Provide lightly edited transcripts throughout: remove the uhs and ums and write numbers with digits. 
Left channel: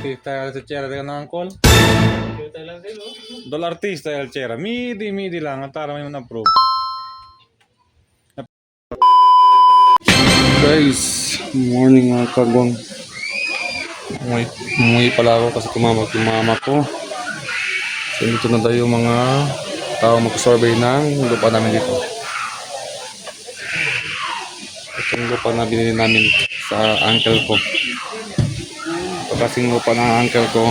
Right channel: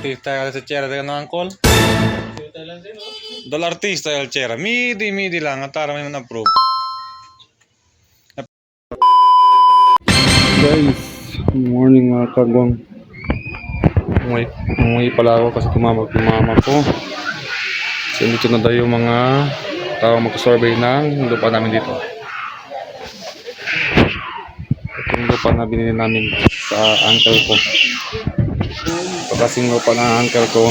artista sa Chera de Angkol. Dol artista el Chera. Midi lang at tara may man-approve. Guys, morning mga kagwang. Umuwi pala ako kasi tumawag yung mama ko. So dito na daw yung mga tao mag-survey ng lupa namin dito. Itong lupa na binili namin sa uncle ko. Ito kasing lupa ng uncle ko.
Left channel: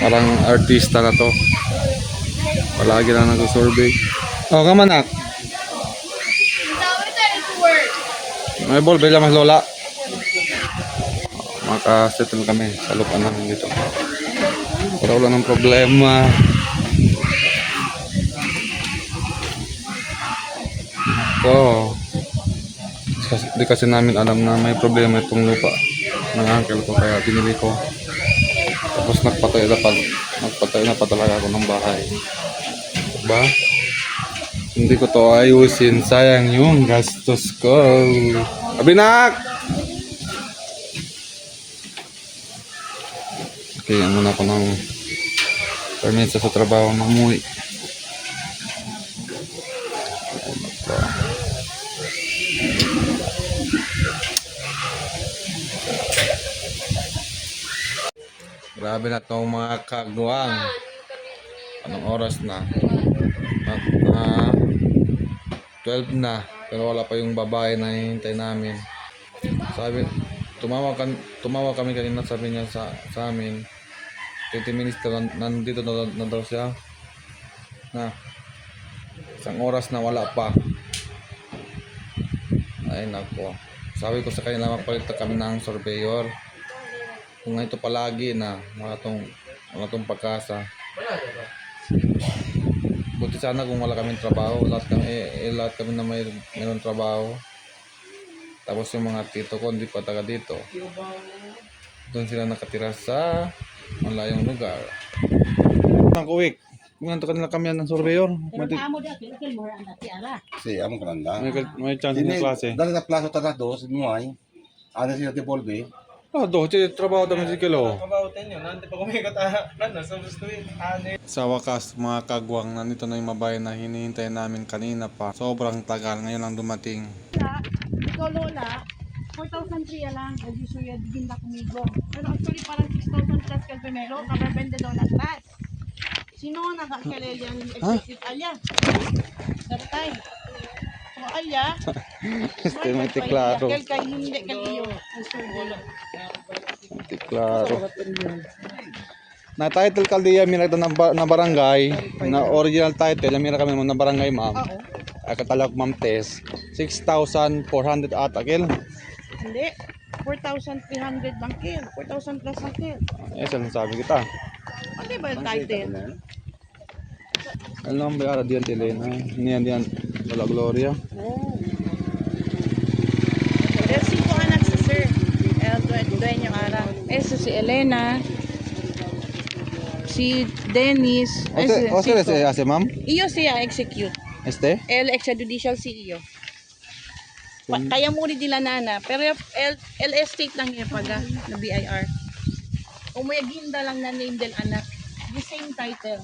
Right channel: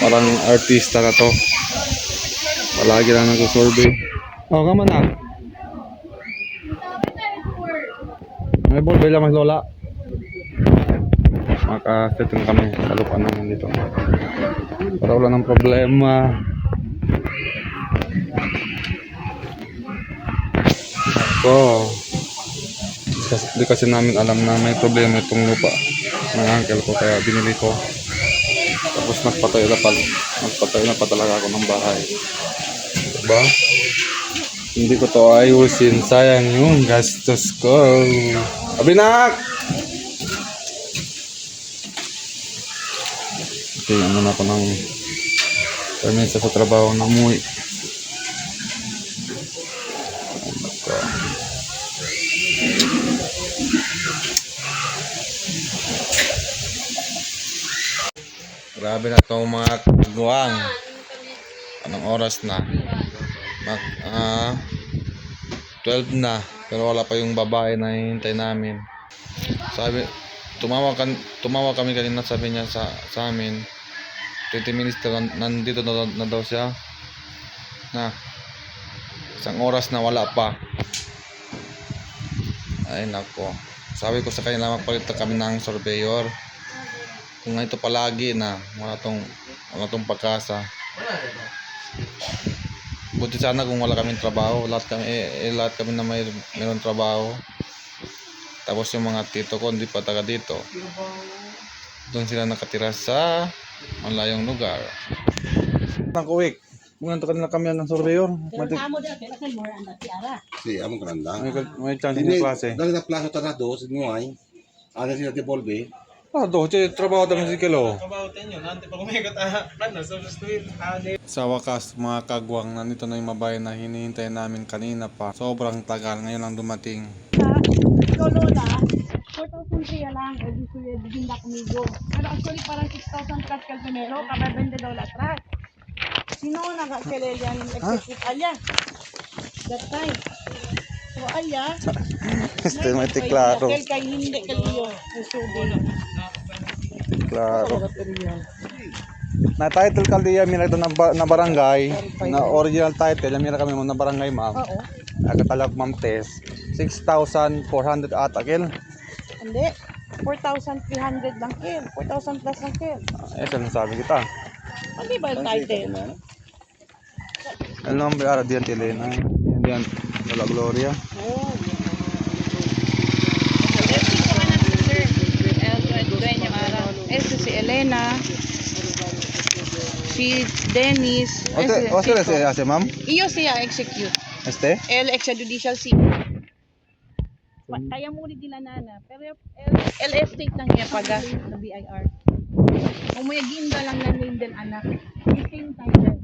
Parang artista na to. Palagi lang nag-survey. Oh, kamanak. May ball bela mas lola. Maka-settle kami sa lupa namin dito. Para wala ng problema. Ako. Di kasi namin alam na may problema itong lupa ng uncle ko kaya binili ko. Tapos nagpatay na pa talaga ako ng bahay. Diba? Hindi ko to ayusin. Sayang yung gastos ko. Abinak! Okay, ano na ako ng permit sa trabaho na umuwi. Grabe na itong mga kagwang. Anong oras na? 12 na. Pero wala pa yung babae na hihintay namin. Sabi, tumawa kami kanina, sabi niya sa amin 20 minutes na nandito na daw siya. Na isang oras na wala pa. Ay nako. Sabi ko sa kanila magpalit kami ng surveyor. Kung ito palagi na wala tong pagkasa. Buti sana kung wala kaming trabaho, lahat kami na mayroon trabaho. Tapos yung mga tito ko hindi pa taga dito. Doon sila nakatira sa malayong lugar. Kuwik. Kung nanto kanila kami ng surveyor. Si among kananda. May chance na klase. Dali na plaso taga dos, nuay. Ano sila devolve? Trabaho naman si Kilo. Trabaho tayo, nante pa kumikot so gusto yun. Sa wakas mga kagwang, nandito na yung mabayan na hinihintay namin kanina pa. Sobrang tagal, ngayon lang dumating. Ikaw Lola, 4,300 lang. Reduce yung dinda kumigo. Pero actually parang 6,000 plus kalpemelo, kababende Lola plus. Sino nga nag-actually yan? Executive Alya. That time. So Alya. Este, klaro. Kaya hindi kaliyo. Klaro. Na title kaldiya mira na barangay, na original title, mira kami na barangay ma'am. Agatalak ma'am test. 6,400 ata kil. Hindi. 4,300 lang kil. 4,000 plus lang kil. Saan sabi kita? Hindi ba yung title? Ano ang bayara diyan Elena? Diyan Lola Gloria. Oh. There's 5 anak si Sir. Dueño Ara. Ito si Elena. Si Dennis. Si ase ma'am? Iyo siya execute. Este? El extrajudicial CEO. Kaya mo rin nila nana. Pero el estate lang niya paga na BIR. Umuyagin ba lang na name del anak. The same title.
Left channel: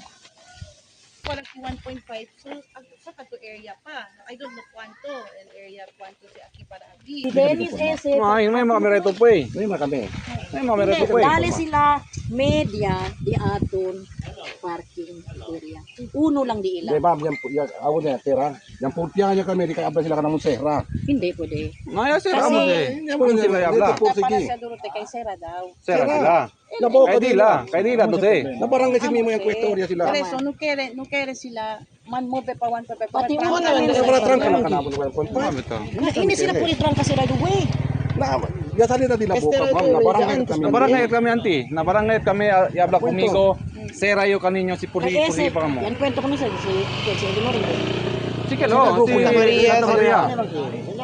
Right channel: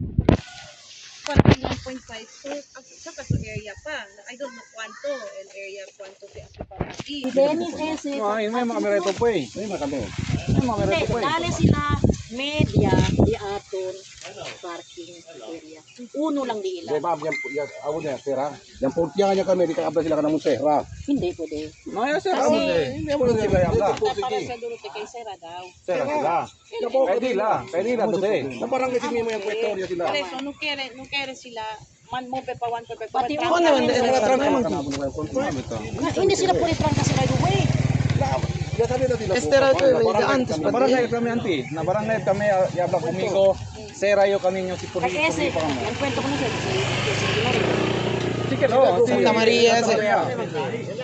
Parang 1.5. So, sa kato area pa. I don't know kwanto. El area kwanto si Aki Parati. Si Dennis ese. Ay, may mga merito po eh. May makami. May mga merito po eh. Dali sila media di aton parking area. Uno lang di ila. Di ba, yan ako na tira. Yan pulpiyan niya kami, di ka abla sila ka ng Sera. Hindi pwede. Naya sir, Kasi- mo eh. Hindi mo na Sila yabla. dito po Para sige. sa Dorote kay Sera daw. Sir, sila. Kay dila dote. Na parang kasi may mga kwestorya sila. Por eso, no quiere sila man mo pe pa 1 pe pa. Pati trans- mo naman, trans- Wala trans naman. Hindi sila pwede trangka sila duwe. Ya salita din na po. Na barangay kami anti. Na barangay kami yabla kumigo. Sera yo kaninyo si Puri Kasi pa mo. yan kwento ko na sa si Ginoo. Sige lo. Santa Maria.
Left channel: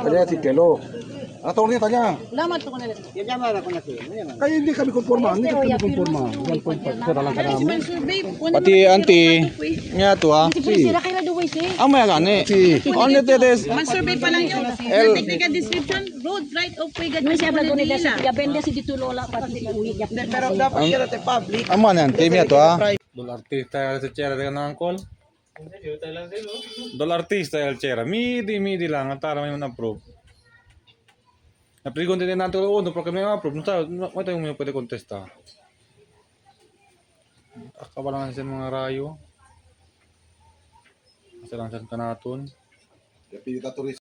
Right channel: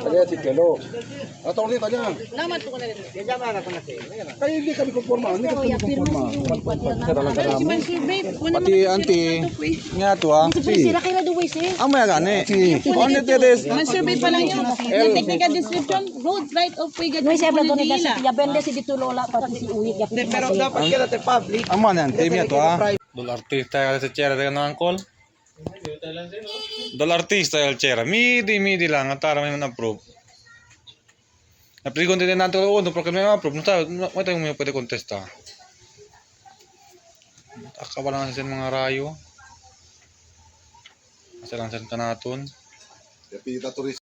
Kaya si Kelo. Attorney tanya. Lamat ko na rin. Kaya hindi kami konforma. Hindi kami konforma. 1.5 sir lang Pero si kami. Man Survey, wala Pati naman auntie. sila ito, eh. Nga to ah. Si Priscilla kayo na duway si. Ang maya gani. Kung ano tetes. Man Survey pa lang yun. Na technical description, road right of way Nung siya ba doon nila si Manila. Kuya Bende si Dito Lola pati si Uy. Pero dapat kita te public. Ang mga yan. Team ito ah. Dol artista yung sa chera. Teka na angkol. Dol artista yung chera. Midi lang. At tara may man-approve. Napili din natin ko no porque may ma-approve. No tayo may pwede contesta. Akabalangan sa mga rayo. Kasi lang sa kanaton. Pita turis.